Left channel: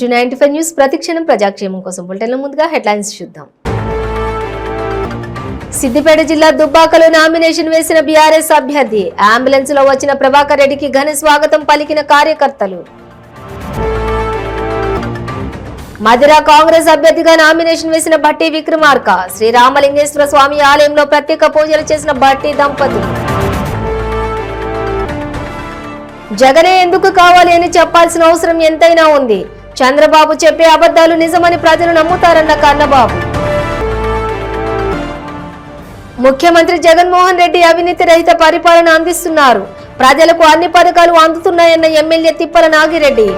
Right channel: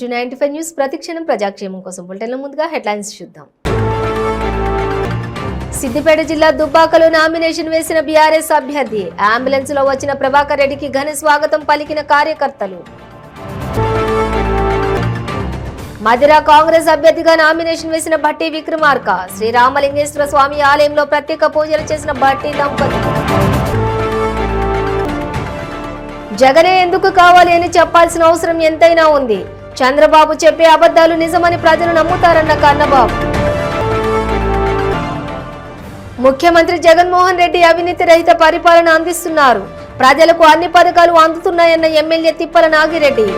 Welcome to 95 news. ప్రతిక్షణం ప్రజాక్షేమం కోసం బులెటిన్ల ముందుగా హెడ్లైన్స్ చూద్దాం. సిద్దిపేట జిల్లా దుబ్బాకలో నామినేషన్ వేసిన బీఆర్ఎస్ అభ్యర్థి. అంబులెన్స్ లో వచ్చిన ప్రభాకర్ రెడ్డికి ఘన స్వాగతం పలికిన కార్యకర్తలు. మధిర కాంగ్రెస్ అభ్యర్థిగా నామినేషన్ వేసిన భట్టి విక్రమార్క. శ్రీ రామలింగేశ్వర స్వామి ఆలయంలో ప్రత్యేక పూజలు చేసిన భట్టి దంపతులు. జగనే ఎందుకు కావాలి అని చెప్పాల్సిన అవసరం ఎంతైనా ఉంది. చంద్రబాబు చెప్పే అబద్ధాలు నిజమని ప్రజలు నమ్ముతారన్న కన్నబాబు. ముఖ్యమంత్రి జగన్మోహన్ రెడ్డి అవినీతి రహిత పరిపాలన అందిస్తున్నారు. ప్రజలకు అన్ని పథకాలు అందుతున్నాయన్న ఎమ్మెల్యే తిప్పల నాగిరెడ్డి.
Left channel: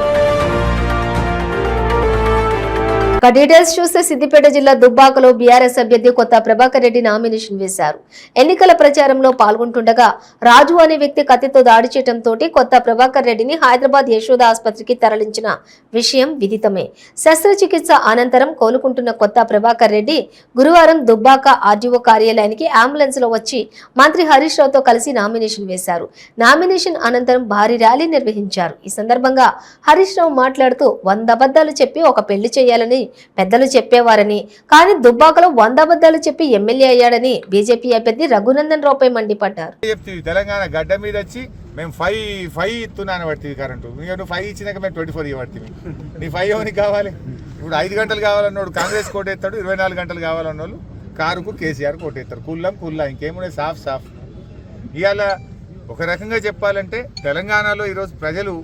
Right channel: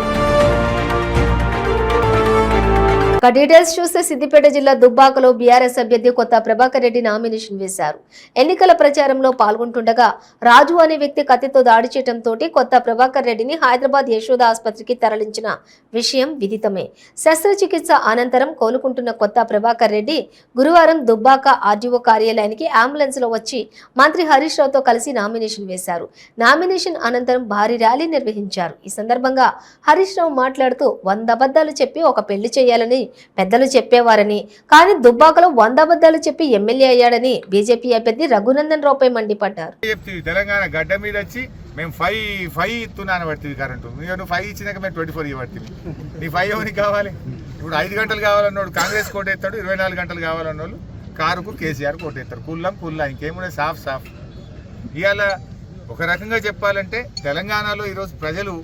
డీటెయిల్స్ చూస్తే సిద్దిపేట జిల్లా దుబ్బాకలో బీఆర్ఎస్ అభ్యర్థి కొత్త ప్రభాకర్ రెడ్డి నామినేషన్ వేశారు. ఎన్నికల ప్రచారంలో పాల్గొంటుండగా రాజు అనే వ్యక్తి కత్తితో దాడి చేయడంతో కొత్త ప్రభాకర్ రెడ్డిని హైదరాబాద్ యశోద ఆసుపత్రికి తరలించిన విషయం విదితమే. శస్త్రచికిత్స అనంతరం కోలుకుంటున్న కొత్త ప్రభాకర్ రెడ్డి గురువారం దుబ్బాక ఆర్డీఓ కార్యాలయానికి అంబులెన్స్ లో వచ్చి మంత్రి హరీష్ రావుతో కలిసి నామినేషన్ వేశారు. నామినేషన్ అనంతరం భారీ ర్యాలీ నిర్వహించారు. ఈ సందర్భంగా హరీష్ రావు మాట్లాడుతూ 100 అబద్ధాలు చెప్పి ఒక పెళ్లి చేయాలని పెద్దలు చెప్పేవారని, కానీ దుబ్బాకలో 100 అబద్ధాలు చెప్పి ఎమ్మెల్యే అయ్యాడని బీజేపీ అభ్యర్థి రఘునందన్ రావుపై మండిపడ్డారు. తెలంగాణ గడ్డ మీద వచ్చి మేము 5 ఇస్తున్నాను పడుతుంది కరెంటు. నువ్వు 5 ఇచ్చినాక మేము 24 ఇవ్వడుతుంది. నీ 5 ఎవరికి కావాలి? ఇప్పుడు 5 గంటలు కావాలన్నాడు కాంగ్రెస్ కోటేస్తాడు, 24 గంటలు కావాలన్న వాళ్ళు కారుకు కేసీఆర్ కోటేస్తారు. కుల్లా ఇంకేమున్నాయి సాఫ్. ఇవాళ ఒక రకంగా చెప్పాలంటే తెలంగాణలో ఈరోజు ప్రజలు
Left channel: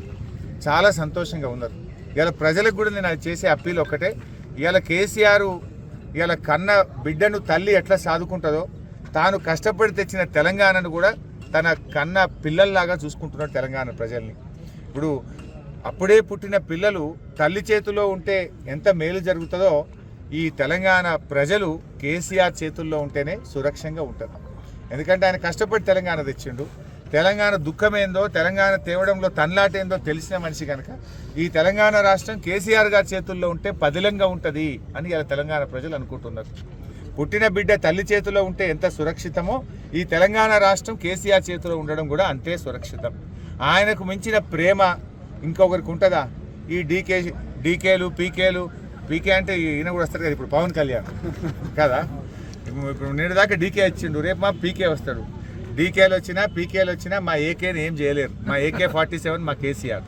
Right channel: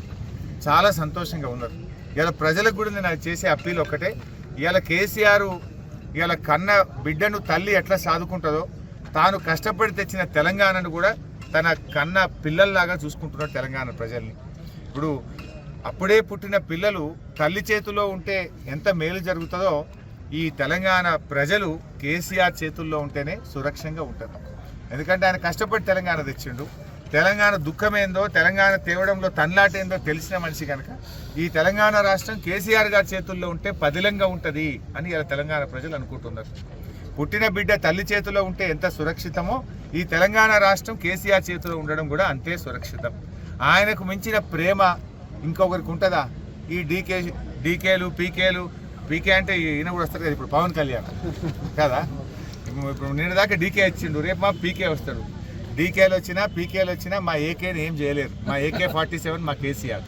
చాలా సంతోషంగా ఉన్నారు. ఇవాళ ప్రజలకు కూడా నేను చేసే అప్పీల్ ఒక్కటే, ఇవాళ కేసీఆర్ ఇవాళ కన్న బిడ్డను తల్లి ఎట్లా సాదుకుంటుందో తాను కష్టపడి తెచ్చిన తెలంగాణను కూడా తన కన్న పిల్లల్లాగా చూసుకుంటున్నాడు తెలంగాణ ప్రజల్ని. ఇప్పుడు అప్పుడే పుట్టిన పిల్లలు తల్లి చేతిలో ఉంటే ఎంత మేలు జరుగుతుందో ఈ తెలంగాణ ప్రజలు కేసీఆర్ చేతుల్లో ఉంటేనే సురక్షంగా ఉంటుంది. ఎందుకంటే ఆయన కష్టపడి తెలంగాణ తెచ్చిండు. తెలంగాణ దుఃఖమేందో, తెలంగాణ తేవడంలో తన్లాటేందో తెలిసిన మనిషి కనుక ఈ తెలంగాణ రాష్ట్రం కేసీఆర్ గారి చేతుల్లో ఉంటే పదిలంగా ఉంటుంది అని ఇలా తెలంగాణ ప్రజలు అనుకుంటున్నారు. పుట్టిన బిడ్డ తల్లి చేతిలో ఉంటే ఎంత సురక్షితమో ఈ తెలంగాణ రాష్ట్రం కేసీఆర్ చేతిలో ఉండడం కూడా అంతే సురక్షితం. ఆయనకు మించిన ప్రేమ ఇంకొకరికి ఉంటుందా? ఈ డీకేలు పీకే అంటే ఈయన కూడా వస్తారు కదా, ఇప్పుడు పవన్ కళ్యాణ్ కదా. ఇప్పుడు నేను దాకా డీకే వచ్చిండు, రేపు మా పీకే వస్తాడు. డీకేలు వచ్చినా పీకేలు వచ్చినా మా ఏకేని ఏం చేయలేరు. మా AK-47 మా కేసీఆర్.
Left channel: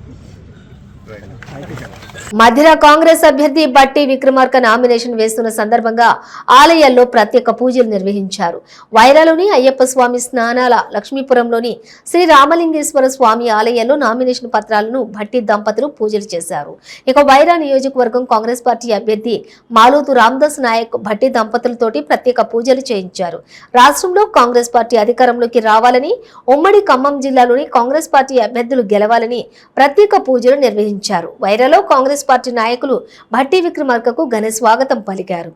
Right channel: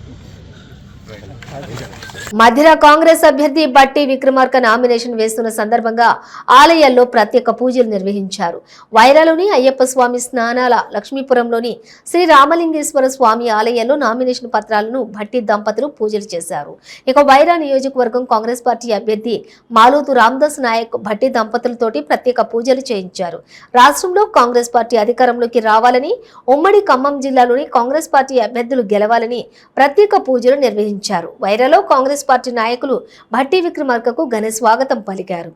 మధిర కాంగ్రెస్ అభ్యర్థి భట్టి విక్రమార్క నామినేషన్ వేస్తున్న సందర్భంగా ఆలయాల్లో ప్రత్యేక పూజలు నిర్వహించారు. వైరాలోని అయ్యప్ప స్వామి స్నానాల లక్ష్మీపురంలోని శ్రీ రామలింగేశ్వర స్వామి ఆలయాల్లో నామినేషన్ పత్రాలను భట్టి దంపతులు పూజలు చేశారు. ఇక వైరా నియోజకవర్గం కాంగ్రెస్ పార్టీ అభ్యర్థి మాలోతు రామదాస్ నాయక్ భట్టి దంపతులతోటి ప్రత్యేక పూజలు చేయించారు. రాష్ట్రంలో కాంగ్రెస్ పార్టీ అధికారంలోకి రావాలని, ఉమ్మడి ఖమ్మం జిల్లాలోని కాంగ్రెస్ పార్టీ అభ్యర్థులు గెలవాలని ప్రత్యేక పూజలు నిర్వహించారు. వైరాలో కాంగ్రెస్ పార్టీ నాయకులు భట్టి విక్రమార్కకు ఘన స్వాగతం పలికారు.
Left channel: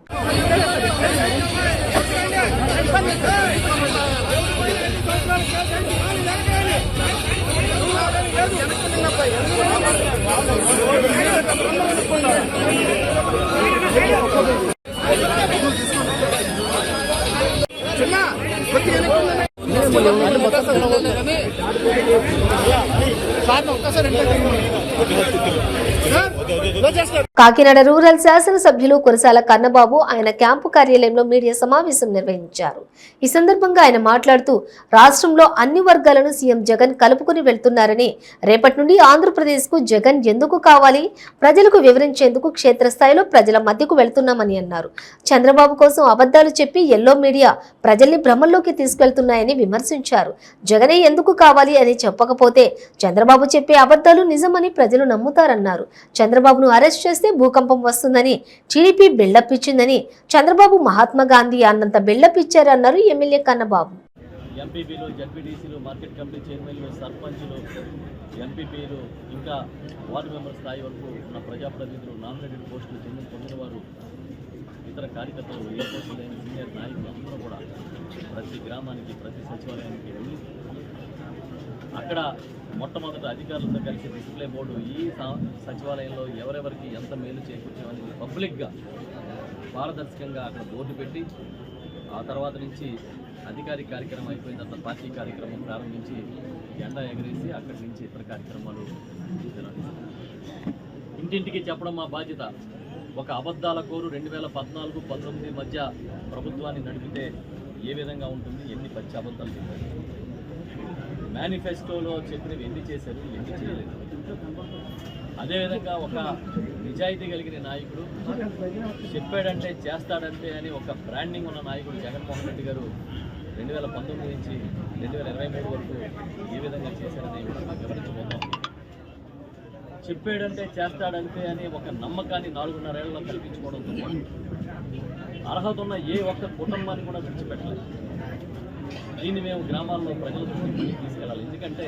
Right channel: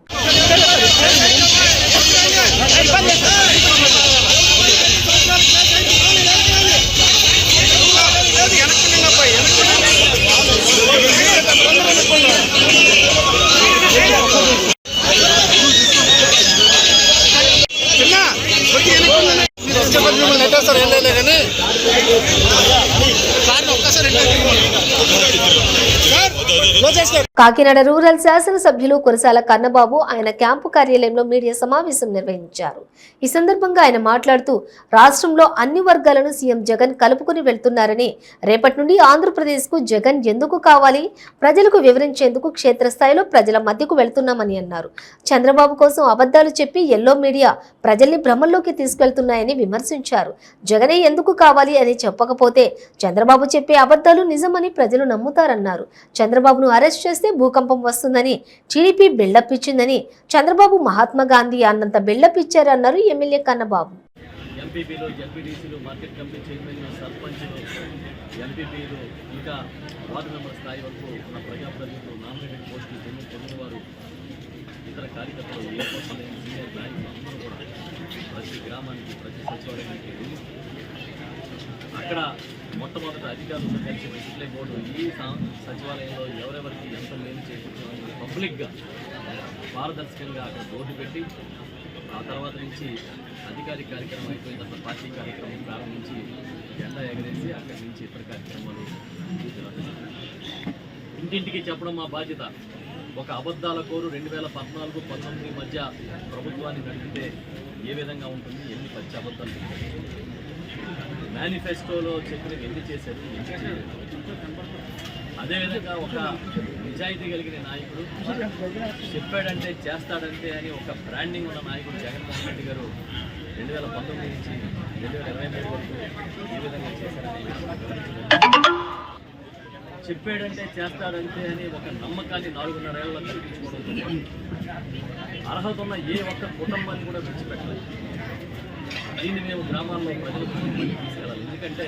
కాకినాడ రూరల్ శాసనసభ్యులు కురసాల కన్నబాబు ఆయన క్యాంపు కార్యాలయంలో మీడియా సమావేశం నిర్వహించారు. ఈ సందర్భంగా ఆయన మాట్లాడుతూ రాష్ట్రంలో అన్ని వర్గాలను సీఎం జగన్ కలుపుకుని వెళ్తున్నారని, రేపటి నుండి ఆంధ్రప్రదేశ్ కు జగన్ ఎందుకు కావాలి ప్రజలకు వివరించేందుకు క్షేత్రస్థాయిలో ప్రజల మధ్యకు వెళ్తున్నామని అన్నారు. చంద్రబాబు కోసం అబద్ధాలు చెప్పి ఎల్లో మీడియా ప్రజల్ని భ్రమంలోకి తీసుకెళ్తున్నాయని విమర్శించారు. జగనే ఎందుకు కావాలి అని చెప్పకపోతే చంద్రబాబు చెప్పే అబద్ధాలు నిజమని ప్రజలు నమ్ముతారన్నారు. చంద్రబాబును అరెస్ట్ చేస్తే భూకంపం వస్తుందని టీడీపీ బిల్డప్ ఇచ్చిందని, చంద్రబాబు మహాత్మా గాంధీ అన్నంత బిల్డప్ ఇచ్చారన్నారు ఎమ్మెల్యే కన్నబాబు. ఎంపీపీలు, జడ్పీటీసీలు, మార్కెట్ కమిటీ చైర్మన్లు, సర్పంచ్లు, ఎంపీపీలు, ఇంకా వార్డు మెంబర్ స్థాయి వరకు ఉన్న ప్రజాప్రతినిధులు, నామినేటెడ్ పోస్టులు పొందిన వారు, ఇతర కార్యకర్తలు, ఏ పోస్టులు లేని సీనియర్ నాయకులు అందరూ కూడా ప్రతి గ్రామానికి, ప్రతి సచివాలయానికి వెళ్ళి అక్కడ మొట్టమొదటి అధికారులతో కలిసి డిస్ప్లే బోర్డు ఈ సచివాలయంలో ఎవరెవరికి ఎంత మేలు చేకూర్చామని పబ్లిక్గా పారదర్శకంగా అక్కడ బోర్డు పెట్టి, ఆ తర్వాత నుంచి అధికారిక కార్యక్రమం అయిపోయిన తర్వాత పార్టీ కార్యక్రమం ప్రారంభించి జెండా ఎగరేసి అక్కడి నుంచి ఇతర కార్యక్రమాలు ఇంటింటికి చెప్పడం మా బాధ్యత. ఒక అబద్ధాల కోరు 2014-19 మధ్య ప్రభుత్వాన్ని నడిపితే ఏ విధంగా ఉంటుంది, ఎన్ని పచ్చి అబద్ధాలు చెప్పారు, మేనిఫెస్టోలో చెప్పినవి ఎన్ని చేశారు, ఎన్ని చేయలేదు. అదేవిధంగా ఒక నిజాయితీ కలిగిన నాయకుడు, చెప్పాడంటే చేస్తాడంటే అని ఒక బ్రాండింగ్ ఉన్న నాయకుడు జగన్మోహన్ రెడ్డి గారు 2019 నుంచి 2023 వరకు ఏ విధంగా చేశారనే వివరించబోతున్నారు. చెప్పాడంటే చేస్తాడంటే అని ఒక నమ్మకాన్ని 4.5 ఏళ్లలో కల్పించుకోవడంతో పాటు అర్హత ఉన్న ఏ ఒక్క కుటుంబాన్ని కూడా విడిచిపెట్టలేదు. దీన్ని మేము గ్రామాల్లో ప్రజలకు తీసుకెళ్ళాలి. ఎందుకంటే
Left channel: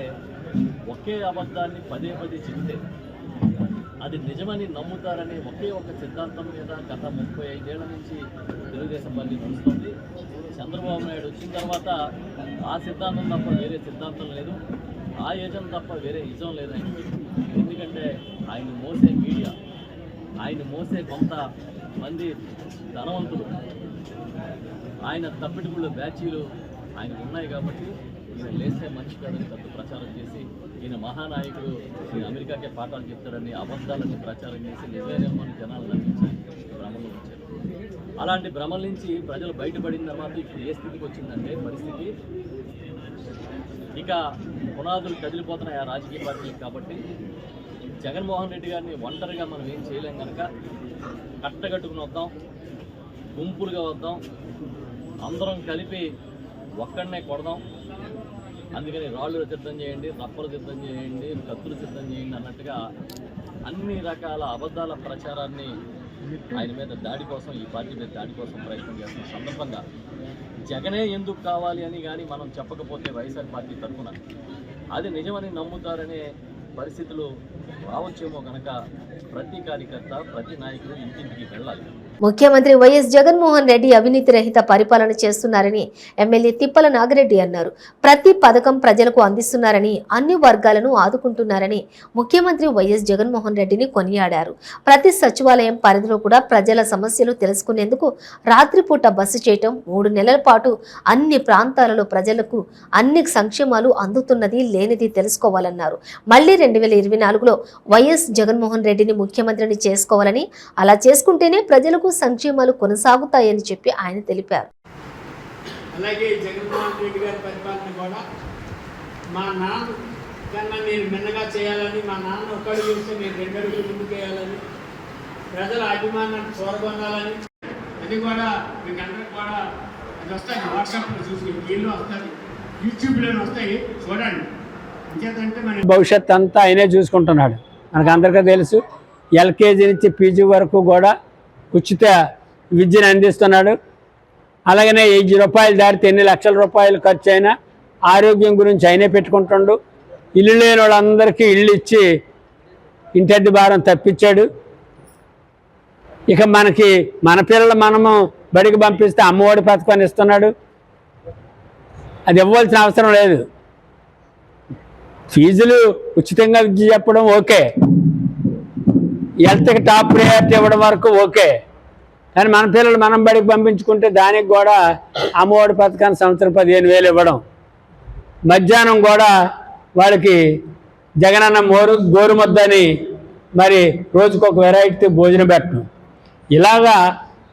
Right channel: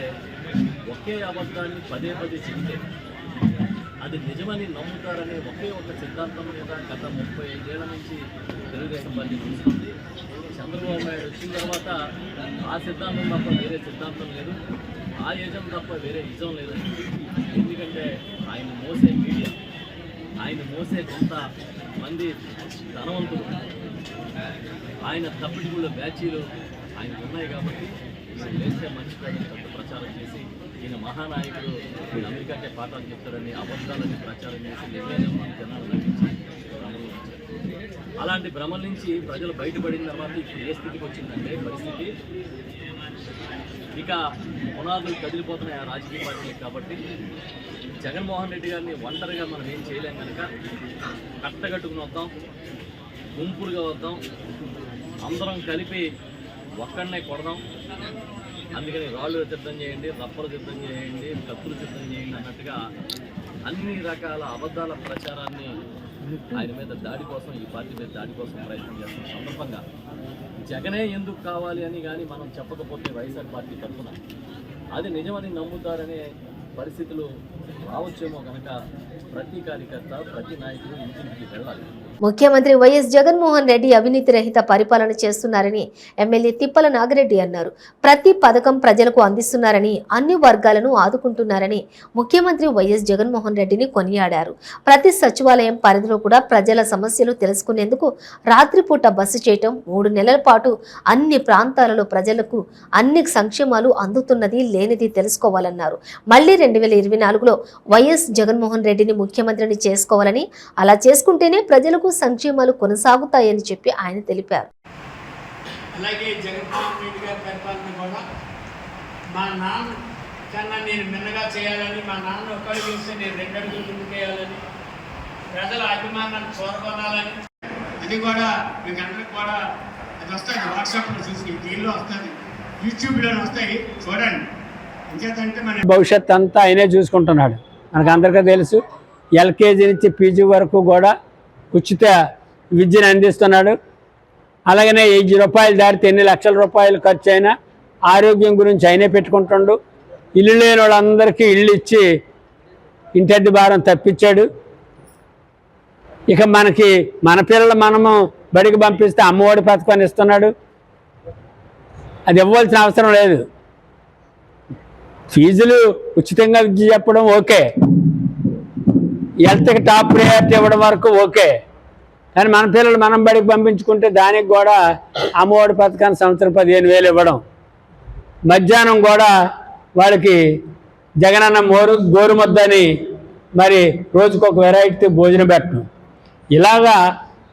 ఒకే అబద్ధాన్ని పదే చెబితే అది నిజమని నమ్ముతారనే ఒకే ఒక సిద్ధాంతం మీద గత 35 ఏళ్ల నుంచి తెలుగుదేశం పార్టీ నడుస్తుంది. చంద్రబాబు నాయుడు వచ్చిన తర్వాత ఆ సిద్ధాంతం తప్ప వేరే సిద్ధాంతం లేదు, ఆ యజం తప్ప వేరే యజం లేదని. ఎందుకంటే ఆయన మోసే మీడియా, ఆయన మోసే కొంత మంది ధనవంతులు, ఆయన తప్పిడిగుళ్ళ బ్యాచీలు ఆయనకు ఉన్నాయి కాబట్టి ఈయన లేస్తే మనిషి కాదని తప్పు ప్రచారం చేసి ఈయన మహానాయకుడు, ఈయన అమెరికాకే పాఠాలు చెప్తారని అబద్ధాలని ప్రచారం చేసి 70 మంది జనాలు నమ్మించి భ్రమలు ఉంచారు. అలాంటి భ్రమల నుంచి ప్రజలు బయటపడిన తర్వాత ఇప్పుడు ఏ స్థితికి వచ్చిందంటే పరిస్థితి, ఇక పునాదులు కదిలిపోతున్నాయి ఆ రాజకీయ పార్టీలకు. కాబట్టి జగన్మోహన్ రెడ్డి గారిని ఒంటరిగా మనం ఏం చేయలేం కనుక కట్టగట్టుకుని వద్దాం, గుంపులుగా వద్దాం, అందరం కలిపి ఒక్కడనే కొడదాం. అందుకని రాళ్ళు సిద్ధం చేయండి, రప్పలు సిద్ధం చేయండి, కత్తులు సిద్ధం చేయండి అన్నట్టుగా అన్ని రకాల అబద్ధాల ప్రచారాన్ని ఆయన మీద దాడి కోసం, ఈ పార్టీ మీద దాడి కోసం ప్రయత్నం చేస్తున్న సందర్భంగా జగనే ఎందుకు కావాలి అని కానీ మనం చెప్పకపోతే వైఎస్ఆర్ పార్టీ తరఫున అది నిజమని నమ్ముతారనే పరిస్థితులు రావచ్చేమో కనుక ప్రతి కార్యకర్త, ప్రతి నాయకుడు ఇంటింటికి వెళ్ళాలి. ముఖ్యమంత్రి వైఎస్ జగన్మోహన్ రెడ్డి అవినీతి రహిత పరిపాలన చేస్తున్నారని ఎమ్మెల్యే తిప్పల నాగిరెడ్డి అన్నారు. ప్రతి పథకం ప్రజలకు అందిస్తున్నారని, అన్ని వర్గాలను ఆదుకుంటున్నారని ముఖ్యమంత్రి వైఎస్ జగన్మోహన్ రెడ్డిని కొనియాడారు. ప్రతి సచివాలయం పరిధిలో కూడా ప్రజల సమస్యలు తెలుసుకునేందుకు రాత్రిపూట బస చేయటం, 3 నెలల పాటు అన్ని ప్రాంతాలలో ప్రజలకు అన్ని సంక్షేమాలు అందుతున్నది లేనిది తెలుసుకోవాలన్నారు. మళ్లీ 2024లో వైఎస్ జగన్మోహన్ రెడ్డిని ముఖ్యమంత్రిని చేసుకోవాలని, అలా చేసుకుంటేనే ప్రజలకు సంక్షేమాలు కొనసాగుతాయని చెప్పి ఆయన తెలిపారు. అలాగే జగన్మోహన్ రెడ్డి గారి పరిపాలన కూడా మా నాన్న కన్నా నేను మిన్నగా చేయాలని, మా నాన్న ఒక్కడు చూస్తే నేను 2 అడుగులు ముందుకేయాలని, ప్రజల అభిమానాన్ని చూరగొనాలని, అది కూడా మీకు అందరికి కూడా అది వస్తుంది. వాట్సాప్లో చూసి దీనిలో వస్తుంది, యూట్యూబ్లో వస్తాయి, చూడండి. ఇంకేదంటే మన భవిష్యత్ అంతా ఆయనే చూసుకుంటున్నాడు. మనకు అందరికీ తెలుసు. ఎల్కేజీ నుంచి పీజీ వరకు కూడా ఉచిత విద్యను అందిస్తున్నాడు. అలాగనే 1000 రూపాయలు దాటితే ఎన్ని లక్షల రూపాయలు ఖర్చు అయినా ఆరోగ్యం గురించి ఆయనే పెట్టుకుంటుండు. ఇల్లు లేని వాళ్ళందరికీ ఇల్లు ఇచ్చి ఇంటద్ది భారం తప్పించాడు. ఇక మనకి మన పిల్లలు మనము బడికి పంపిస్తే అమ్మఒడి పథకాన్ని ఇస్తున్నాడు. అది ఇవ్వాల్సిన అవసరం లేదు. ఫీజులు ఉచితంగా విద్య చెప్పడం ఓకే, హెల్త్కి టాప్ ప్రయారిటీ ఇవ్వడం వరకు ఓకే. కానీ మన పిల్లలు మనం బడికి పంపించుకుంటే దానికి కూడా అమ్మఒడి పథకాన్ని సంవత్సరం 15,000 ఇవ్వడం, మధ్యాహ్నం కూడా వాళ్ళకి జగనన్న గోరుముద్దని మరి రోజుకొక వెరైటీ భోజనం పెట్టడం, ఇలాగా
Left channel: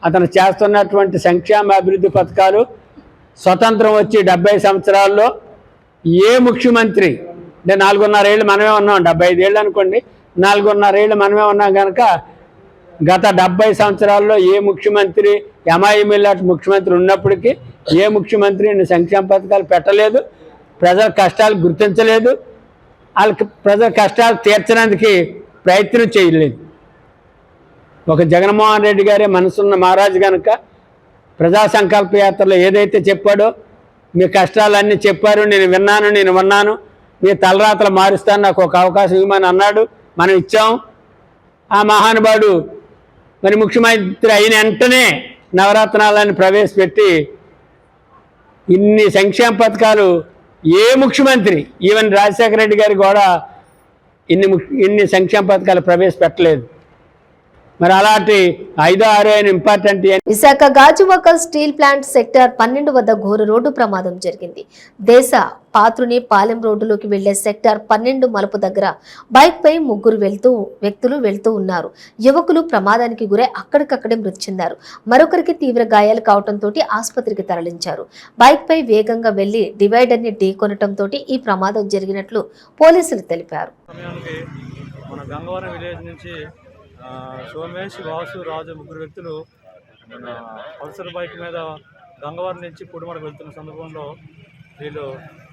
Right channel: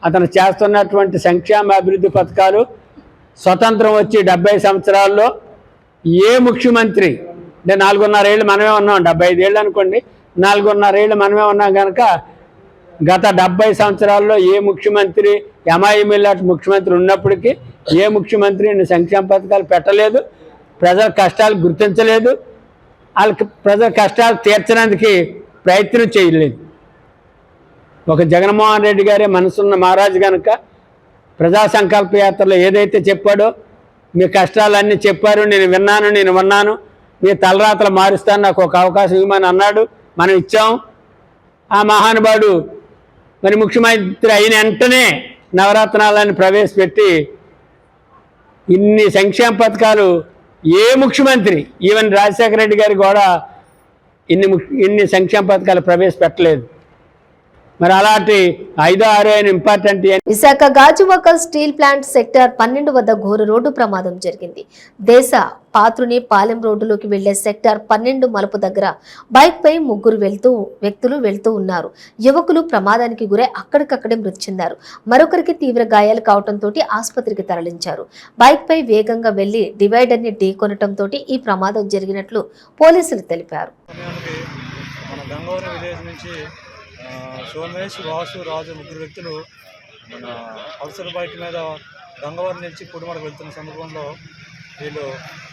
అతను చేస్తున్నటువంటి సంక్షేమ అభివృద్ధి పథకాలు స్వతంత్రం వచ్చి 70 సంవత్సరాల్లో ఏ ముఖ్యమంత్రి, అంటే 4.5 ఏళ్ళు మనమే ఉన్నాం, 75 ఏళ్ళు అనుకోండి, 4.5 ఏళ్ళు మనమే ఉన్నాం కనుక గత 70 సంవత్సరాల్లో ఏ ముఖ్యమంత్రి, ఎంఐఎంఎల్లాంటి ముఖ్యమంత్రి ఉన్నప్పటికీ ఏ ముఖ్యమంత్రి సంక్షేమ పథకాలు పెట్టలేదు, ప్రజల కష్టాలు గుర్తించలేదు, వాళ్ళకి ప్రజల కష్టాలు తీర్చడానికి ప్రయత్నం చేయలేదు. ఒక జగన్మోహన్ రెడ్డి గారే మనసున్న మహారాజు కనుక ప్రజా సంకల్ప యాత్రలో ఏదైతే చెప్పాడో, మీ కష్టాలన్నీ చెప్పారు, నేను విన్నాను, మీ తలరాతలు మారుస్తాను, నాకు ఒక అవకాశం ఇవ్వమని అన్నాడు. మనం ఇచ్చాం. ఆ మహానుభావుడు మరి ముఖ్యమంత్రి అయిన వెంటనే నవరత్నాలను ప్రవేశపెట్టి ఇన్ని సంక్షేమ పథకాలు ఏ ముఖ్యమంత్రి, ఈవెన్ రాజశేఖర రెడ్డి గారు కూడా ఇన్ని సంక్షేమ పథకాలు ప్రవేశపెట్టలేదు. మరి అలాంటి 5, 6 అయిన important. Visakha Gajuwaka steel plant sector 12 వద్ద ఘోర రోడ్డు ప్రమాదం జరిగింది. దేశ పాత్రుని పాలెం రోడ్డులోకి వెళ్లే సెక్టర్ 12 మలుపు దగ్గర బైక్ పై 3 వ్యక్తులు వెళ్తూ ఉన్నారు. యువకులు ప్రమాదానికి గురై అక్కడికక్కడే మృతి చెందారు. మరొకరికి తీవ్ర గాయాలు కావడంతో ఆసుపత్రికి తరలించారు. బైక్ పై వేగంగా వెళ్లి డివైడర్ ని ఢీకొనటంతో ఈ ప్రమాదం జరిగినట్లు పోలీసులు తెలిపారు. మన గంగవరం విలేజ్ నుంచి సోమేష్, వాసు, రాజు 3 వ్యక్తులు పల్సర్ బైక్ మీద గంగవరం నుంచి కుడిమడకు వెళ్తున్న సందర్భంలో వీళ్ళు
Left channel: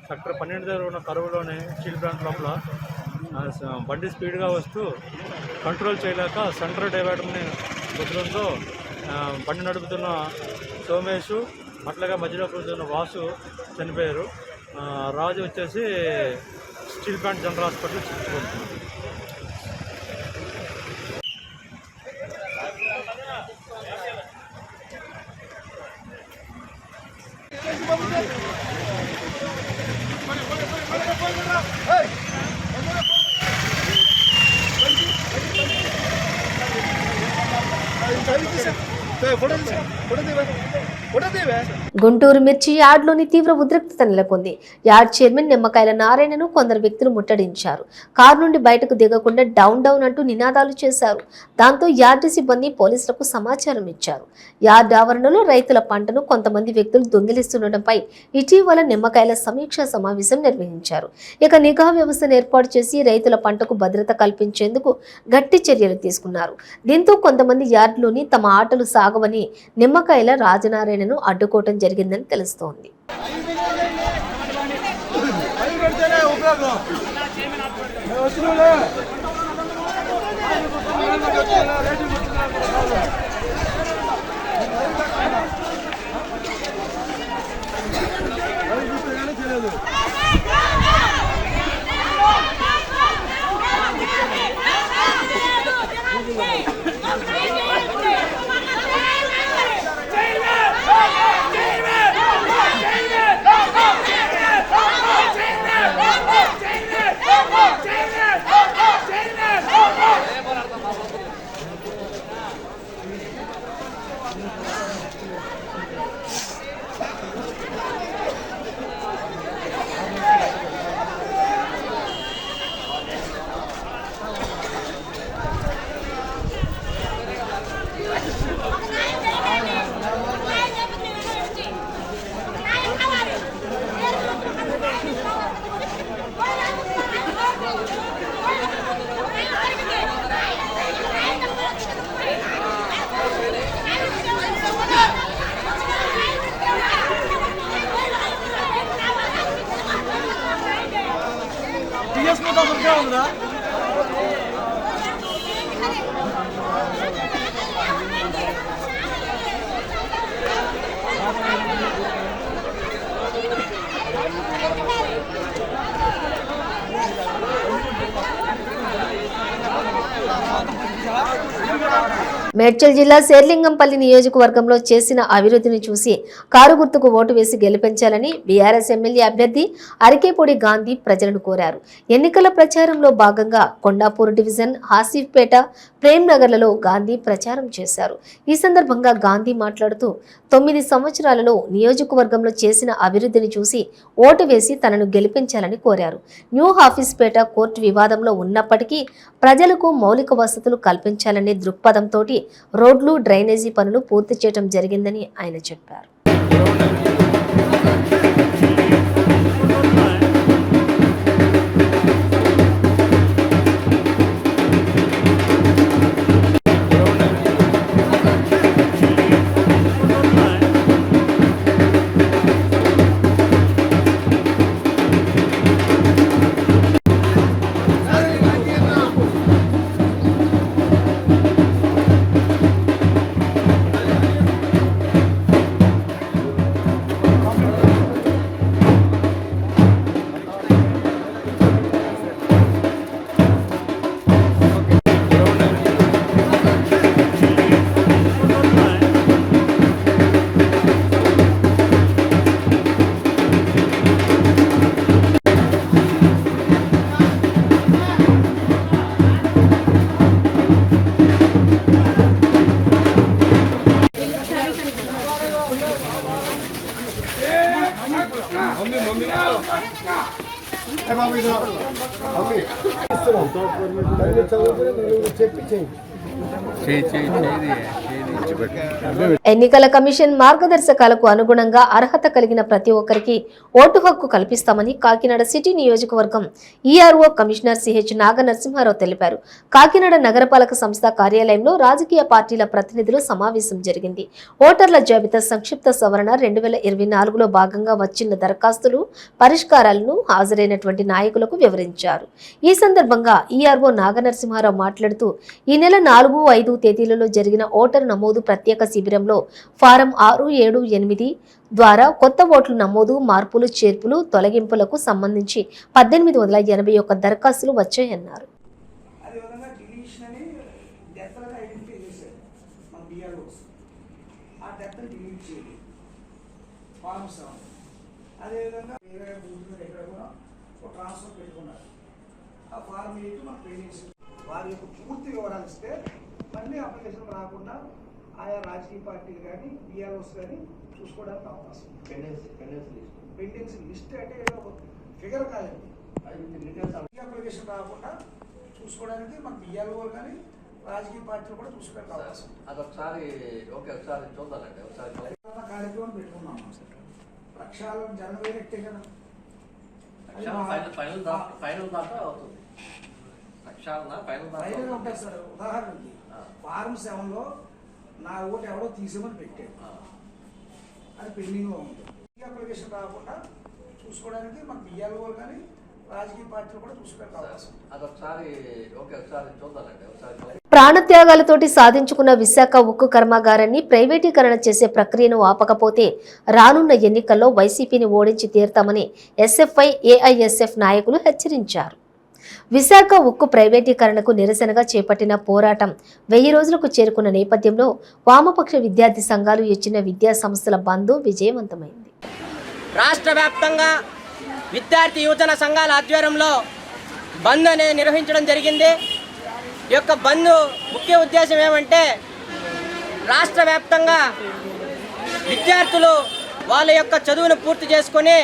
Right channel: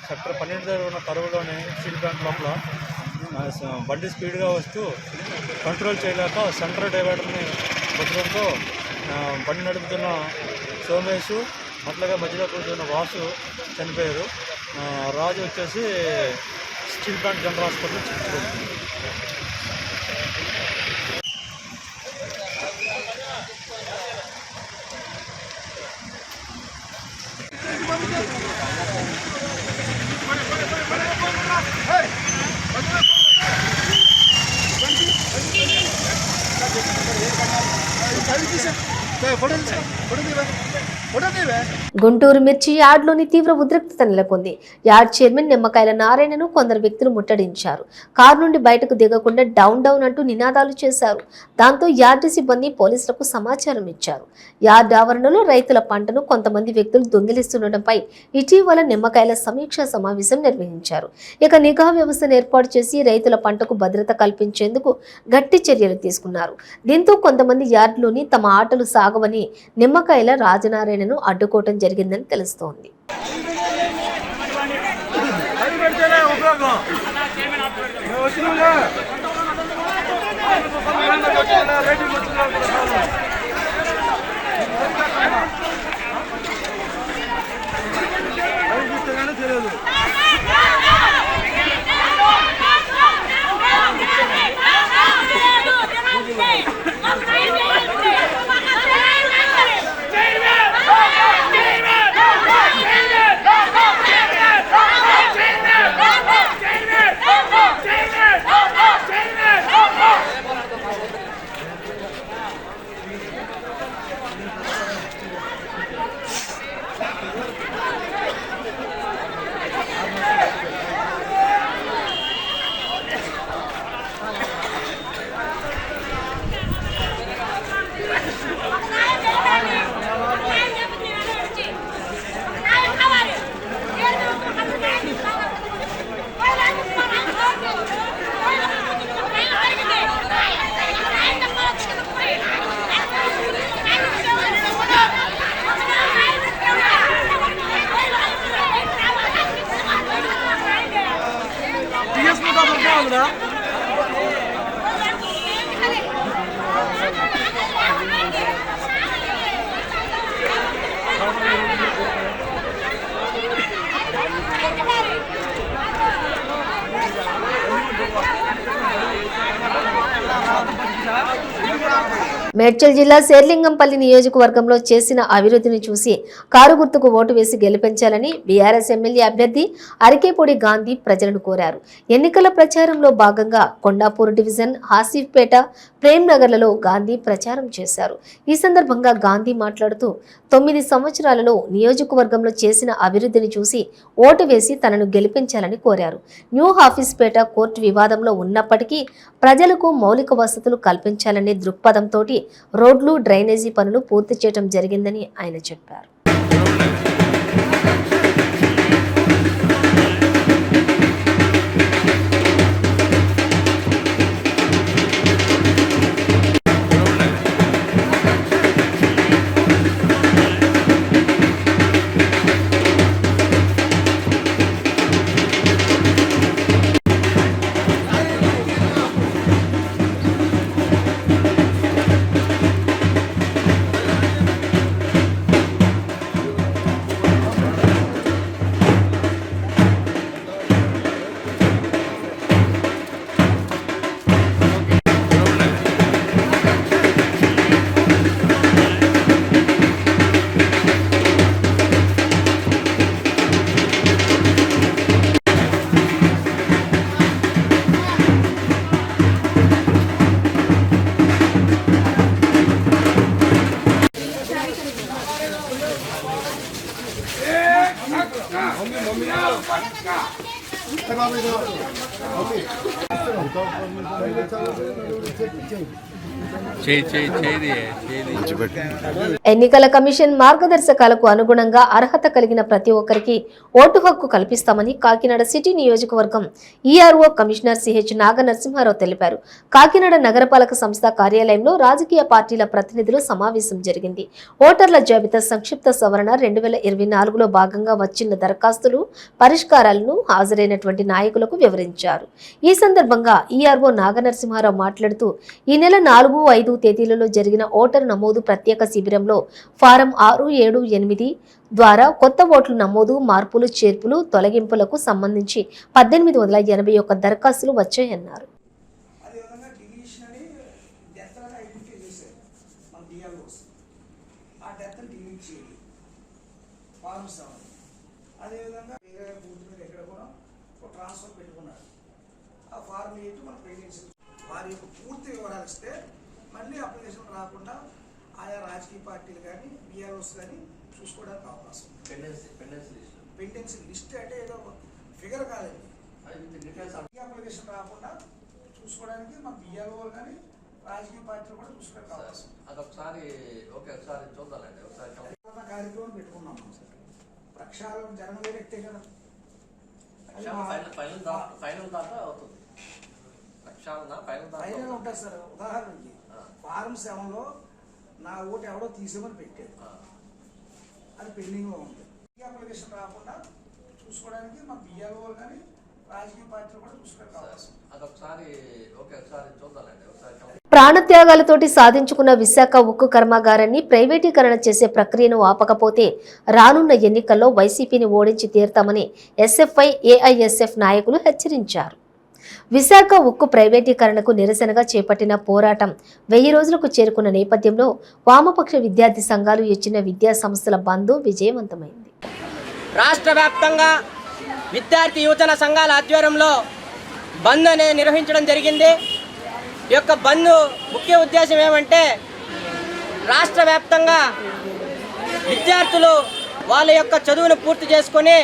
సెక్టర్ 12 దగ్గర ఉన్న కరువులోని స్టీల్ ప్లాంట్ లోపల బండి స్పీడ్గా వస్తూ కంట్రోల్ చేయలేక సెంటర్ డివైడర్ని కుదరంతో బండి నడుపుతున్న సోమేష్, అట్లాగే మధ్యలో కూర్చున్న వాసు చనిపోయారు. రాజు వచ్చేసి స్టీల్ ప్లాంట్ జనరల్ హాస్పిటల్ చికిత్స. గుంటూరు మిర్చి యార్డ్లోని తీవ్ర ఉద్రిక్తత నెలకొంది. యార్డ్ చైర్మన్ నిమ్మకాయల నారాయణను కొందరు వ్యక్తులు ముట్టడించారు. కారు నుండి బయటకు దిగకుండా డౌన్ డౌన్ అంటూ నినాదాలు చేశారు. దాంతో యార్డు సిబ్బంది పోలీసులకు సమాచారం ఇచ్చారు. యార్డ్ ఆవరణలో రైతుల పంటను కొంతమంది వ్యక్తులు దొంగిలిస్తుండటంపై ఇటీవల నిమ్మకాయల సమీక్షా సమావేశం నిర్వహించారు. ఇక నిఘా వ్యవస్థను ఏర్పాటు చేసి రైతుల పంటకు భద్రత కల్పించేందుకు గట్టి చర్యలు తీసుకున్నారు. దీంతో కొంతమంది యార్డులోని తమ ఆటలు సాగవని నిమ్మకాయల రాజనారాయణను అడ్డుకోవటం జరిగిందని తెలుస్తోంది. మేడ్చల్ జిల్లా శేర్లింగంపల్లి నియోజకవర్గంలో చేసిన అభివృద్ధిని చూసి కారు గుర్తుకు ఓటు వేసి గెలిపించాలని బీఆర్ఎస్ ఎమ్మెల్యే అభ్యర్థి అరికేపూడి గాంధీ ప్రజలను కోరారు. ఎన్నికల ప్రచారంలో భాగంగా కొండాపూర్ డివిజన్, హాసిఫ్పేట, ప్రేమ్ నగర్లలో గాంధీ ప్రచారం చేశారు. ఈ సందర్భంగా గాంధీ మాట్లాడుతూ 9 సంవత్సరాలలో నియోజకవర్గంలో చేసిన అభివృద్ధిని చూసి ఓటు వేసి తనను గెలిపించాలని కోరారు. న్యూ హాఫీస్పేట కోర్టు వివాదంలో ఉన్నప్పటికీ ప్రజలకు మౌలిక వసతులు కల్పించాలనే దృక్పథంతో రోడ్లు, డ్రైనేజీ పనులు పూర్తి చేయడం జరిగిందని ఆయన చెప్పారు. ఎన్నికల కమిషన్ మార్గదర్శకాలకు అనుగుణంగా అర్హత కలిగిన ప్రతి ఒక్కరికి ఓటు హక్కు కల్పిస్తామని కాకినాడ సిటీ నియోజకవర్గం ఈఆర్ఓ కమిషనర్ సిహెచ్ నాగనరసింహారావు తెలిపారు. కాకినాడ నగరపాలక సంస్థ కార్యాలయంలో రాజకీయ పార్టీల ప్రతినిధుల సమావేశం జరిగింది. ఓటర్ల జాబితా సంక్షిప్త సవరణ 2024లో భాగంగా వచ్చిన దరఖాస్తులు పరిష్కారాలను హాజరైనటువంటి నాయకులకు వివరించారు. ఈ సందర్భంగా ఈఆర్ఓ నాగనరసింహారావు మాట్లాడుతూ ఈ నెల 4, 5 తేదీలలో జరిగిన ఓటరు నమోదు ప్రత్యేక శిబిరంలో ఫారం 6, 7, 8 ద్వారా కొత్త ఓట్ల నమోదు, మార్పులు, చేర్పులు, తొలగింపులకు సంబంధించి 1881 దరఖాస్తులు వచ్చాయన్నారు. వారి పూర్తి వివరాలు ఇస్తే మళ్ళీ అప్లికేషన్ రాకుండా ఆయా రాజకీయ పార్టీలు కానీ బిఆర్ఓస్ కానీ చూసుకోవడానికి అవకాశం ఉంది. పెండెన్సీ లిస్ట్ అంటే ఏదో ఫిగర్ కాదండి, అప్లికేషన్ రాకుండా చూసుకోవడానికి మన బిఆర్ఓ కానీ రాజకీయ పార్టీలు కూడా చూసుకోవడానికి అవకాశం కార్యక్రమం పెట్టుకున్నాం. ప్రక్షాళన జనం వేరెక్టే కదా, ఫైనల్ ఉంటుంది సార్. ఉదాహరణకి ఫారం 7లో నా ఓటు ఎవడో తీసేమని పెట్టాడు, అది పెండింగ్ లో ఉంది. అప్లికేషన్ రాకుండా చూసుకోవడానికి మన బిఆర్ఓ కానీ రాజకీయ పార్టీలు కూడా చూసుకోవడానికి అవకాశం. ప్రాణత్యాగాలతోటి సాధించుకున్న విశాఖ ఉక్కు కర్మాగారాన్ని ప్రైవేటీకరణ చేసే ప్రక్రియను ఆపకపోతే రానున్న ఎన్నికల్లో వైసీపీని ఓడించి తీరుతామని ఎస్ఎఫ్ఐ, ఏఐఎస్ఎఫ్ నాయకులు హెచ్చరించారు. విశాఖ ఉక్కు ప్రైవేటీకరణకు నిరసనగా చేపట్టిన పోరాటం 1000 రోజులకు చేరుకున్న నేపథ్యంలో వామపక్ష విద్యార్థి సంఘాలు ఇచ్చిన విద్యా సంస్థల బంద్ విజయవంతమైంది. రాష్ట్ర వ్యాప్తంగా విద్యార్థి యువజన సంఘాల ఆధ్వర్యంలో బంద్ అనేది నిర్వహించడం జరిగింది. ఈ యొక్క బంద్ ముఖ్య ఉద్దేశం ఏమంటే, రాష్ట్ర వ్యాప్తంగా విద్యార్థులు వాళ్ళ యొక్క చదువును పూర్తి చేసుకొని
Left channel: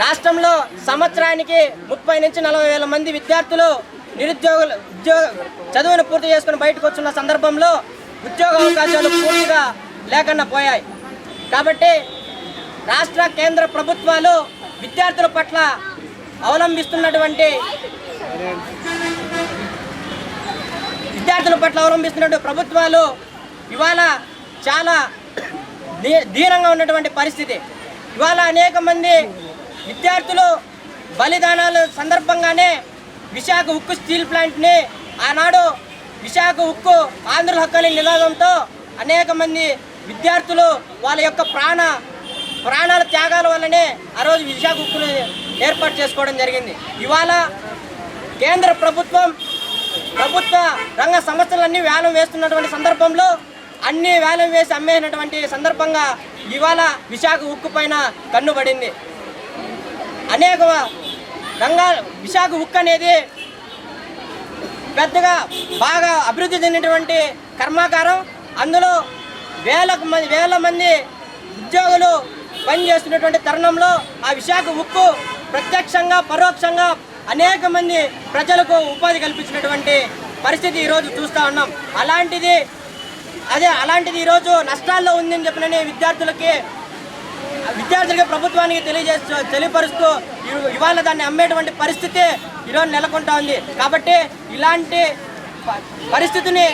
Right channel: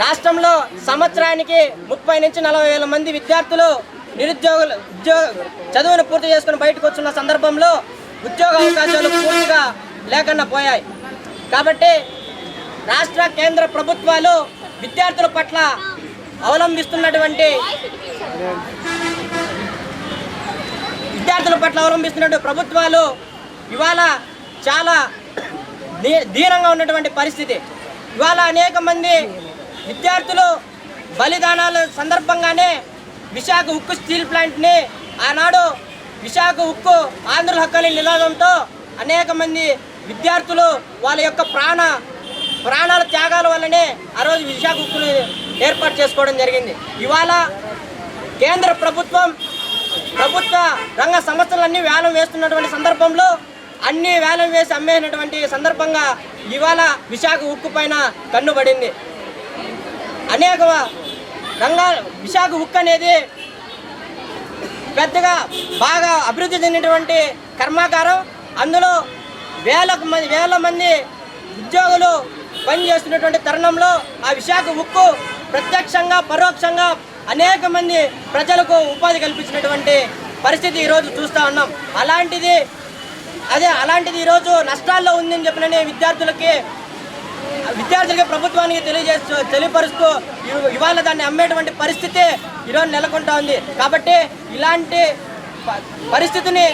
రాష్ట్రంలో సంవత్సరానికి 30 నుంచి 40 వేల మంది విద్యార్థులు చదువును పూర్తి చేసుకుని బయటకు వస్తున్న సందర్భంలో ఉద్యోగ అవకాశాలు పూర్తిగా లేకుండా పోయాయి. కాబట్టి రాష్ట్ర కేంద్ర ప్రభుత్వాలు విద్యార్థుల పట్ల అవలంబిస్తున్నటువంటి ప్రభుత్వాలు ఇవాళ చాలా దీనంగా ఉన్నటువంటి పరిస్థితి. ఇవాళ అనేక మంది విద్యార్థులు బలిదానాల సందర్భంగానే విశాఖ ఉక్కు స్టీల్ ప్లాంట్ని ఆనాడు విశాఖ ఉక్కు ఆంధ్రుల హక్కుని నినాదంతో అనేక మంది విద్యార్థులు వాళ్ళ యొక్క ప్రాణాల త్యాగాల వల్లనే ఆ రోజు విశాఖ ఉక్కును ఏర్పాటు చేసుకోవడం జరిగింది. ఇవాళ కేంద్ర ప్రభుత్వ రంగ సంస్థలన్నీ వేలం వేస్తున్నటువంటి సందర్భంలో అన్ని వేలం వేసి అమ్మేసినటువంటి సందర్భంగా ఇవాళ విశాఖ ఉక్కు పైన కన్నుబడింది. అనేక రంగాలు విశాఖ ఉక్కు అనేది పెద్దగా బాగా అభివృద్ధి చెందినటువంటి కర్మాగారం. అందులో వేల మంది ఉద్యోగులు పనిచేస్తున్నటువంటి తరుణంలో ఆ విశాఖ ఉక్కు ప్రత్యక్షంగా పరోక్షంగా అనేక మంది ప్రజలకు ఉపాధి కల్పించినటువంటి పరిస్థితి ఈరోజు చూస్తూ ఉన్నాం. అలాంటిది ఈరోజు నష్టాల్లో ఉందని చెప్పినని విద్యార్థులకి ప్రభుత్వానికి తెలియపరుస్తూ ఇవాళ దాన్ని అమ్మేటువంటి పరిస్థితి ఈరోజు నెలకొంటా ఉంది. కాబట్టి ఇలాంటి పరిస్థితిని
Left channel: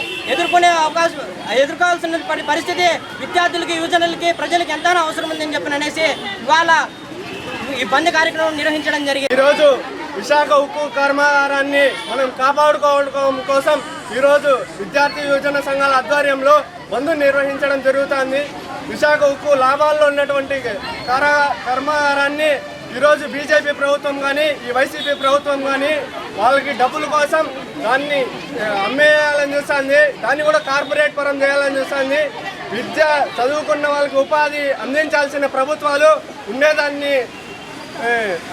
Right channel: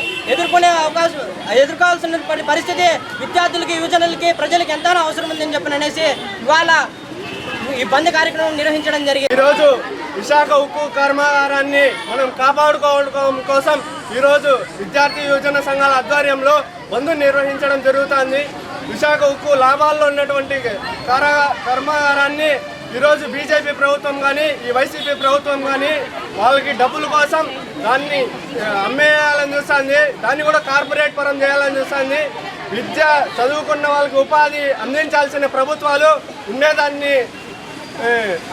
ఎదుర్కోవాల్సిన పరిస్థితి విద్యార్థులకి, యువజనులకి, ప్రజలకి ఎంతైనా అవసరం ఉందని చెప్పననేసి ఇవాళ ఈ బంద్ కార్యక్రమం నిర్వహించడం జరిగింది. ఈరోజు విశాఖ ఉక్కు కర్మాగారాన్ని మనం కాపాడుకోవడం కోసం ఈరోజు విద్యార్థి యువజన సంఘాల ఆధ్వర్యంలో బంద్ నిర్వహించడం జరుగుతుంది. విశాఖ ఉక్కు లాభాల్లో ఉన్నటువంటి కర్మాగారాన్ని ఈరోజు బీజేపీ ప్రభుత్వం కానీ ఈ వైసీపీ ప్రభుత్వం కానీ వాళ్ళకి డబ్బుల కోసం దాన్ని అమ్మేయాలని చూస్తుంది. దాన్ని కూడా కార్పొరేట్ పరం చేయాలని చూస్తుంది. విద్య చదువుకున్న వాళ్ళకి ఉపాధి అందించాల్సిన ప్రభుత్వాలు ఉండేదాన్ని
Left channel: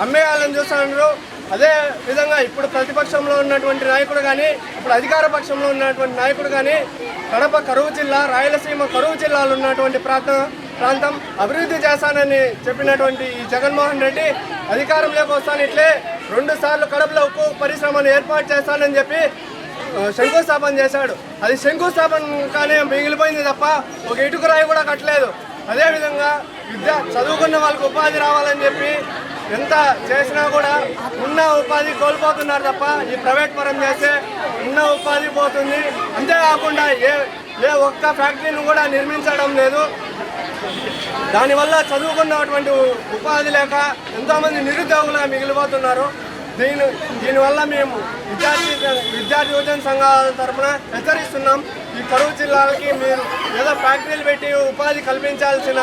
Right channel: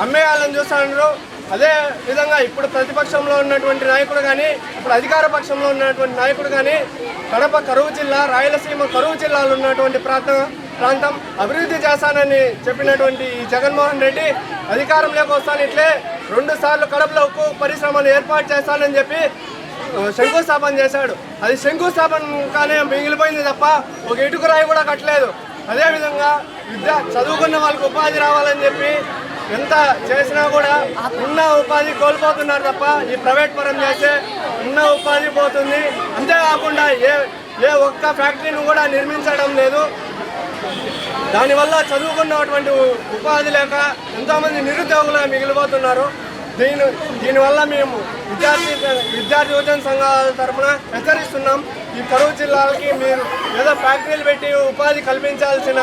అమ్మేయాలని చూస్తున్నారు. అదే విధంగా ఇప్పుడు ప్రతిపక్షంలో ఉన్నటువంటి నాయకుడు కానీ ఇప్పుడు అధికార పక్షంలో ఉన్నటువంటి నాయకుడు కానీ కడప కరువు జిల్లా, రాయలసీమ కరువు జిల్లాలో ఉన్నటువంటి ప్రాంతం అభివృద్ధి చేస్తానని చెప్పినటువంటి ఈ జగన్మోహన్ రెడ్డి అధికారంలోకి వస్తాను ఇట్లే 2 సార్లు కడపలో ఉక్కు పరిశ్రమను ఏర్పాటు చేస్తానని చెప్పి శంకుస్థాపన చేశాడు. అది శంకుస్థాపనగానే మిగిలిపోయింది తప్ప ఒక ఇటుక రాయి కూడా కట్టలేదు. అదేవిధంగా చదువుకున్న వాళ్ళకి ఉపాధి రావాలని చెప్పి ఎంత చేసినా కూడా ఉన్న ఉపాధి కోల్పోతున్నారు తప్ప ఈ ప్రైవేట్ పరం చేస్తే ఉన్న ఉపాధి పోతుంది. అంతేకాకుండా ఏ ఒక్క ఫ్యాక్టరీని కూడా నిర్మించడం లేదు. దానివల్ల చదువుకున్నటువంటి ఉపాధి లేక ఎంతోమంది నిరుద్యోగులుగా మిగిలిపోతున్నారు. దీనివల్ల మేము విద్యార్థి యువజన సంఘాల తరఫున హెచ్చరిస్తున్నాం. ఈ కరువు జిల్లాలకి మీరు ఏదో ఫ్యాక్టరీలు పెట్టి ఉపాధి కల్పించాల్సిన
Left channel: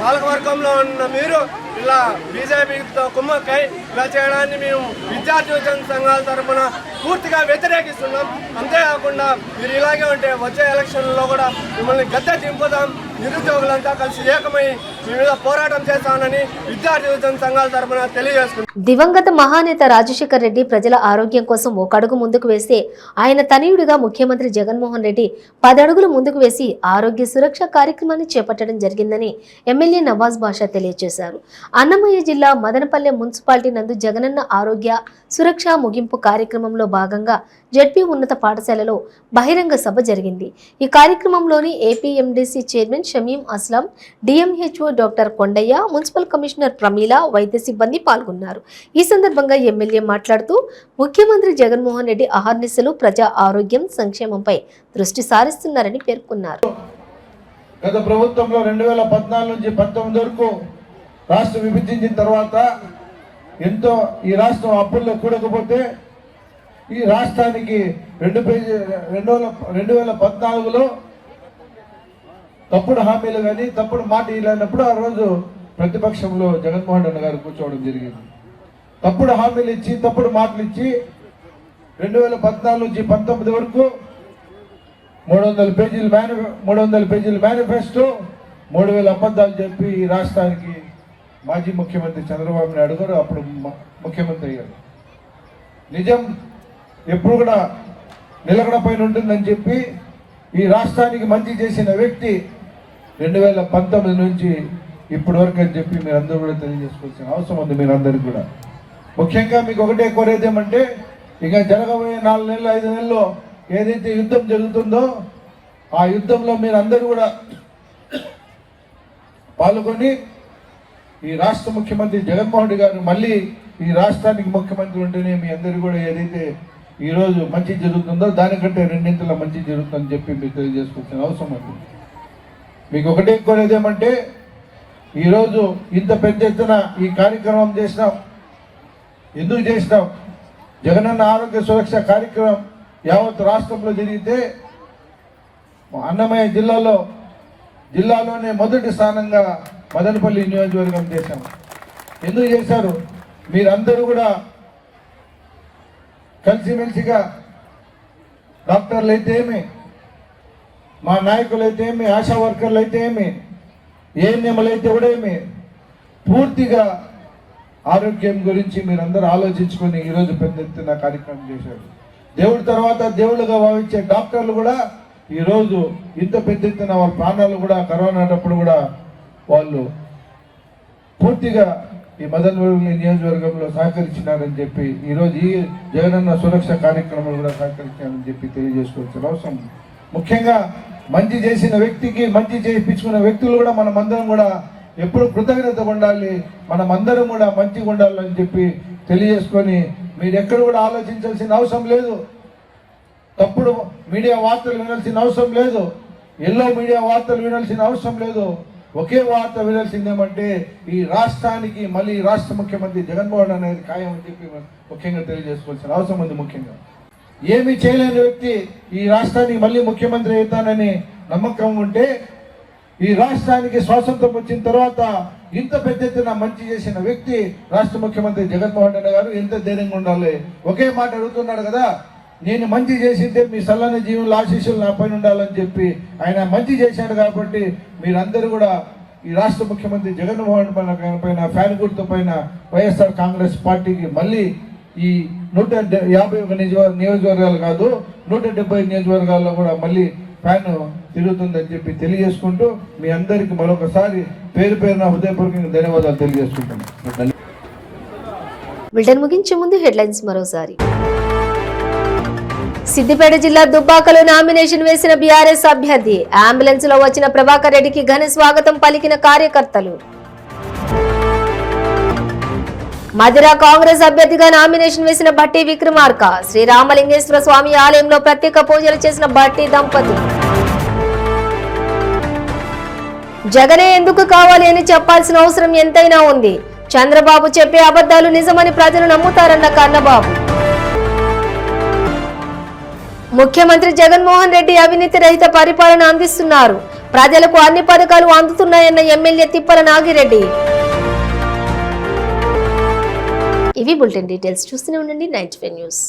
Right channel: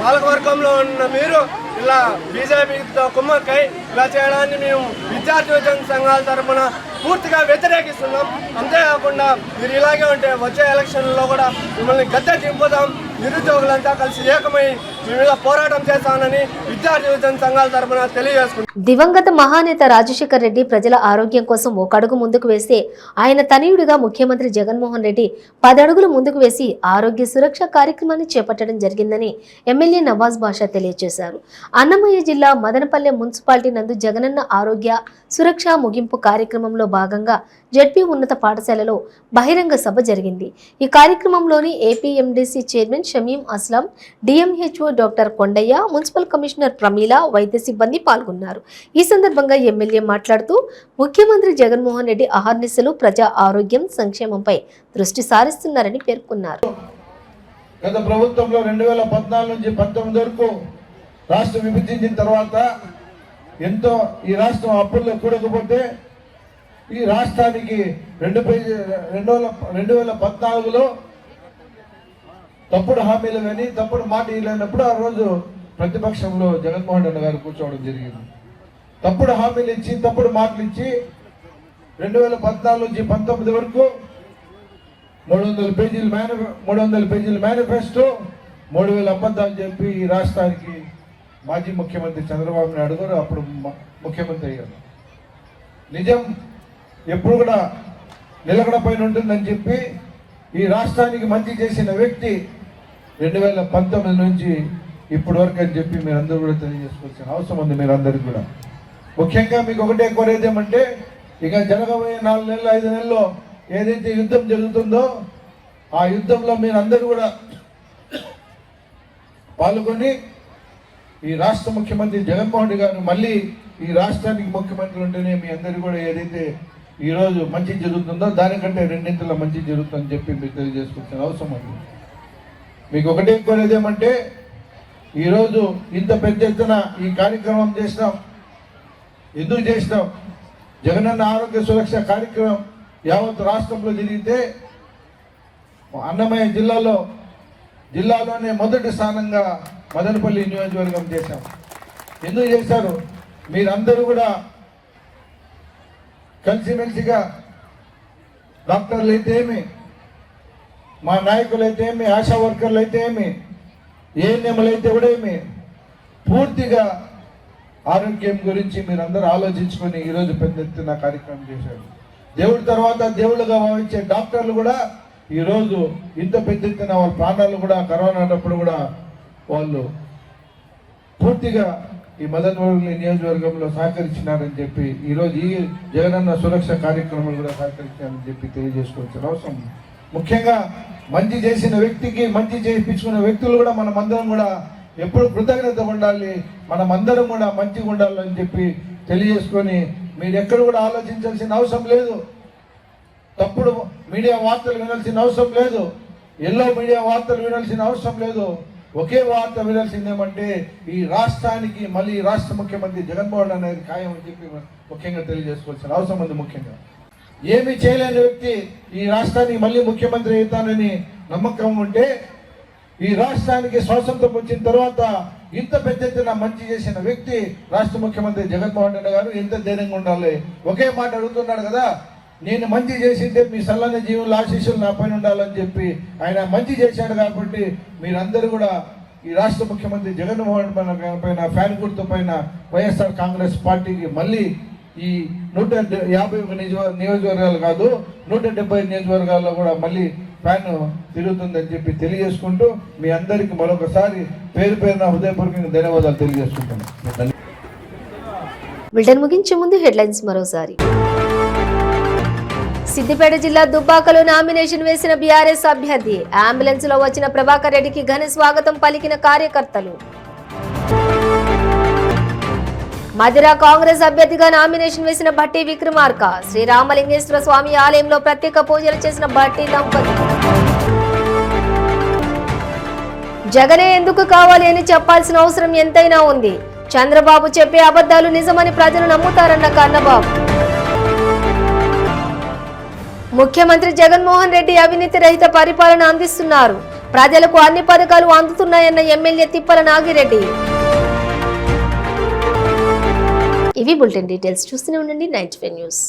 పాలకవర్గంలో ఉన్న మీరు ఇలా బీజేపీతో కుమ్మక్కై ఇలా చేయడాన్ని మేము విద్యార్థి యువజన సంఘాల తరఫున పూర్తిగా వ్యతిరేకిస్తున్నాం. అంతేకాకుండా మీరు ఇలాగే ఉంటే వచ్చే ఎలక్షన్లో కూడా మిమ్మల్ని గద్దె దింపుదాం, నిరుద్యోగులంతా కలిసి ఏకమై మీ మీద పోరాటం చేస్తానని విద్యార్థి యువజన సంఘాల తరఫున తెలియజేసుకుంటున్నాం. దివంగత మహానేత రాజశేఖర్ రెడ్డి ప్రజల ఆరోగ్యం కోసం ఒక అడుగు ముందుకు వేస్తే ఆయన తనయుడిగా ముఖ్యమంత్రి జగన్మోహన్ రెడ్డి 10 అడుగులు ముందుకు వేసి ఆరోగ్య సురక్ష కార్యక్రమాన్ని చేపట్టడం జరిగిందని ఎమ్మెల్యే నవాజ్ బాషా తెలియజేశారు. అన్నమయ్య జిల్లా మదనపల్లె మున్సిపాలిటీ నందు జగనన్న ఆరోగ్య సురక్ష ముగింపు కార్యక్రమంలో భాగంగా జెడ్పీ ఉన్నత పాఠశాలలో బహిరంగ సభ జరిగింది. ఈ కార్యక్రమంలోని APMDC chairman Shamim Aslam, DMHO doctor Kondaiah, municipal commissioner Pramila, వైద్య సిబ్బంది పాల్గొన్నారు. ఈ సందర్భంగా ఎమ్మెల్యే మాట్లాడుతూ ముఖ్యమంత్రి జగన్మోహన్ రెడ్డి అహర్నిశలు ప్రజా ఆరోగ్యం సంక్షేమంపై దృష్టి సారిస్తున్నారని పేర్కొన్నారు. గత ప్రభుత్వంలో 2014 నుంచి 19 వరకు రాష్ట్రం విభజించిన తర్వాత ఎంతో ఈ రాష్ట్రం అప్పుల్లో కూడకపోతే ఈ రాష్ట్రానికి 2014లో తప్పుడు హామీలు కానీ తప్పుడు మాట ఇలాంటప్పుడు ఆ రోజు ప్రతిపక్షంలో జగన్మోహన్ రెడ్డి గారు కూర్చోవడం జరిగింది. తప్పుడు హామీలు ఇచ్చి తప్పుడు మాటలు ఇచ్చి 2014 నుంచి 19 వరకు 300 పేజీల మేనిఫెస్టో 3000 అబద్ధాలు చెప్పి ఈ రాష్ట్రానికి మాజీ ముఖ్యమంత్రి చంద్రబాబు నాయుడు గారు అప్పుడు ముఖ్యమంత్రి అయ్యారు. నిజం ఎప్పుడు కూడా నిలకడ పైన ఉంటుందని చెప్పి ఈ రాష్ట్రానికి మంచి చేసిన వ్యక్తి 2019 నుంచి ఇప్పటి వరకు అని చెప్పి మీరు అందరూ కూడా తెలియజేసుకోవాల్సిన అవసరం ఉంది. మీరు అందరికీ కూడా ముఖ్యంగా మీకు ఒకటే కోరేది ఏమంటే ఇక జరగబోయే 4 నెలలు 5 నెలల్లో ఏదైతే యుద్ధం జరుగుతుందో ఆ యుద్ధంలో మీరు అందరూ కూడా పాల్గొని ఈ రాష్ట్ర ముఖ్యమంత్రి జగన్మోహన్ రెడ్డి గారు మళ్ళీ ఈ రాష్ట్రానికి ముఖ్యమంత్రి ఉంటేనే మీ అందరూ కూడా ఏదైతే ఈరోజు మంచి జరుగుతుందో దానికంటే 2 ఇంతల మంచి జరుగుతుందని చెప్పి మీరు తెలియజేసుకోవాల్సిన అవసరం ఉంది. మీకు ఒకటే కోరేది ఏమంటే ఈరోజు ఇంత పెద్ద ఎత్తున ఈ కార్యక్రమం చేసినాం. ఎందుకు చేసినాం? జగనన్న ఆరోగ్య సురక్ష కార్యక్రమం యావత్ రాష్ట్రంలో జరిగితే అన్నమయ్య జిల్లాలోనే మొదటి స్థానంగా మదనపల్లి నియోజకవర్గం చేశారు. ఎందుకు చేశారు? మీరందరూ కూడా కలిసిమెలిసిగా డాక్టర్లు అయితే ఏమి, మా నాయకులు అయితే ఏమి, ఆశా వర్కర్లు అయితే ఏమి, ఏఎన్ఎంలు అయితే కూడా ఏమి, పూర్తిగా ఆరోగ్యం గురించి మీరందరూ ఆలోచించుకొని ఈరోజు పెద్ద ఎత్తున కార్యక్రమం చేశారు. దేవుడి తర్వాత దేవుళ్ళుగా భావించే డాక్టర్లు కూడా ఈరోజు ఇంత పెద్ద ఎత్తున వాళ్ళ ప్రాణాలు కూడా కరోనా అన్నప్పుడు కూడా వాళ్ళు పూర్తిగా ఈ మదనపల్లి నియోజకవర్గంలో సహకరించినారని చెప్పి ఈరోజు ఈ జగనన్న సురక్ష కార్యక్రమంలో కూడా సహకరించామని చెప్పి తెలియజేసుకోవాల్సిన అవసరం. ముఖ్యంగా మంచి చేసిన వ్యక్తికి మంచి చేయించుకున్న వ్యక్తులు కూడా మనమందరం కూడా ఎప్పుడు కృతజ్ఞత ఉండాలి, మనమందరం కూడా మంచిగా ఉండాలని చెప్పి తెలియజేసుకొని మీరు ఎక్కడ కూడా ఆలోచించాల్సిన అవసరం లేదు. తప్పుడు మీడియా వార్తలు వినాల్సిన అవసరం లేదు. ఎల్లో మీడియా వార్తలు వినాల్సిన అవసరం లేదు. ఒకే వార్త వినాల్సిందేమంటే ఈ రాష్ట్రానికి మళ్ళీ రాష్ట్ర ముఖ్యమంత్రి జగన్మోహన్ అనేది ఖాయం అని చెప్పి ముఖ్యంగా తెలియజేసుకోవాల్సిన అవసరం ఉంది. ముఖ్యంగా ఏమీ చేయలేని వ్యక్తి ఈ రాష్ట్రానికి మళ్ళీ ముఖ్యమంత్రి అవుతానని నమ్మకం ఉంటే ఈ రాష్ట్రానికి స్వాతంత్రం వచ్చిన తర్వాత ఇంత పెద్ద ఎత్తున మంచి చేసిన వ్యక్తి రాష్ట్ర ముఖ్యమంత్రి జగన్మోహన్ రెడ్డి గారు ఎంత ధైర్యంగా ఉండాలి. ఒకే మాట అడుగుతున్నాడు కదా, నేను మంచి చేసిందే మీ సల్లన జీవుల ఆశీస్సులు నా పైన ఉండాలని చెప్పి ఆయన మంచి చేశాడు. కాబట్టి మీరందరూ కూడా ఈ రాష్ట్ర ముఖ్యమంత్రి జగన్మోహన్ పైన ఫ్యాన్ గుర్తు పైన వైఎస్ఆర్ కాంగ్రెస్ పార్టీకి మళ్ళీ ఈ 151 నియోజకవర్గాలు కాదు 170 నియోజకవర్గాల్లో కూడా మళ్ళీ ఫ్యాన్ తిరుగుతుందని చెప్పి తెలియజేసుకుంటూ మీ అందరికీ మరొకసారి పేరు పేరున హృదయపూర్వకంగా ధన్యవాదాలు తెలియజేసుకుంటున్నాను. బులెటిన్ ముగించే ముందు హెడ్లైన్స్ మరోసారి. సిద్దిపేట జిల్లా దుబ్బాకలో నామినేషన్ వేసిన బీఆర్ఎస్ అభ్యర్థి. అంబులెన్స్ లో వచ్చిన ప్రభాకర్ రెడ్డికి ఘన స్వాగతం పలికిన కార్యకర్తలు. మధుర కాంగ్రెస్ అభ్యర్థిగా నామినేషన్ వేసిన భట్టి విక్రమార్క. శ్రీరామలింగేశ్వర స్వామి ఆలయంలో ప్రత్యేక పూజలు చేసిన భట్టి దంపతులు. జగనే ఎందుకు కావాలి అని చెప్పాల్సిన అవసరం ఎంతైనా ఉంది. చంద్రబాబు చెప్పే అబద్ధాలు నిజమని ప్రజలు నమ్ముతారన్న కన్నబాబు. ముఖ్యమంత్రి జగన్మోహన్ రెడ్డి అవినీతి రహిత పరిపాలన అందిస్తున్నారు. ప్రజలకు అన్ని పథకాలు అందుతున్నాయన్న ఎమ్మెల్యే తిప్పల నాగిరెడ్డి. ఇవి బులెటిన్ డీటెయిల్స్. చూస్తూనే ఉండండి 95 న్యూస్.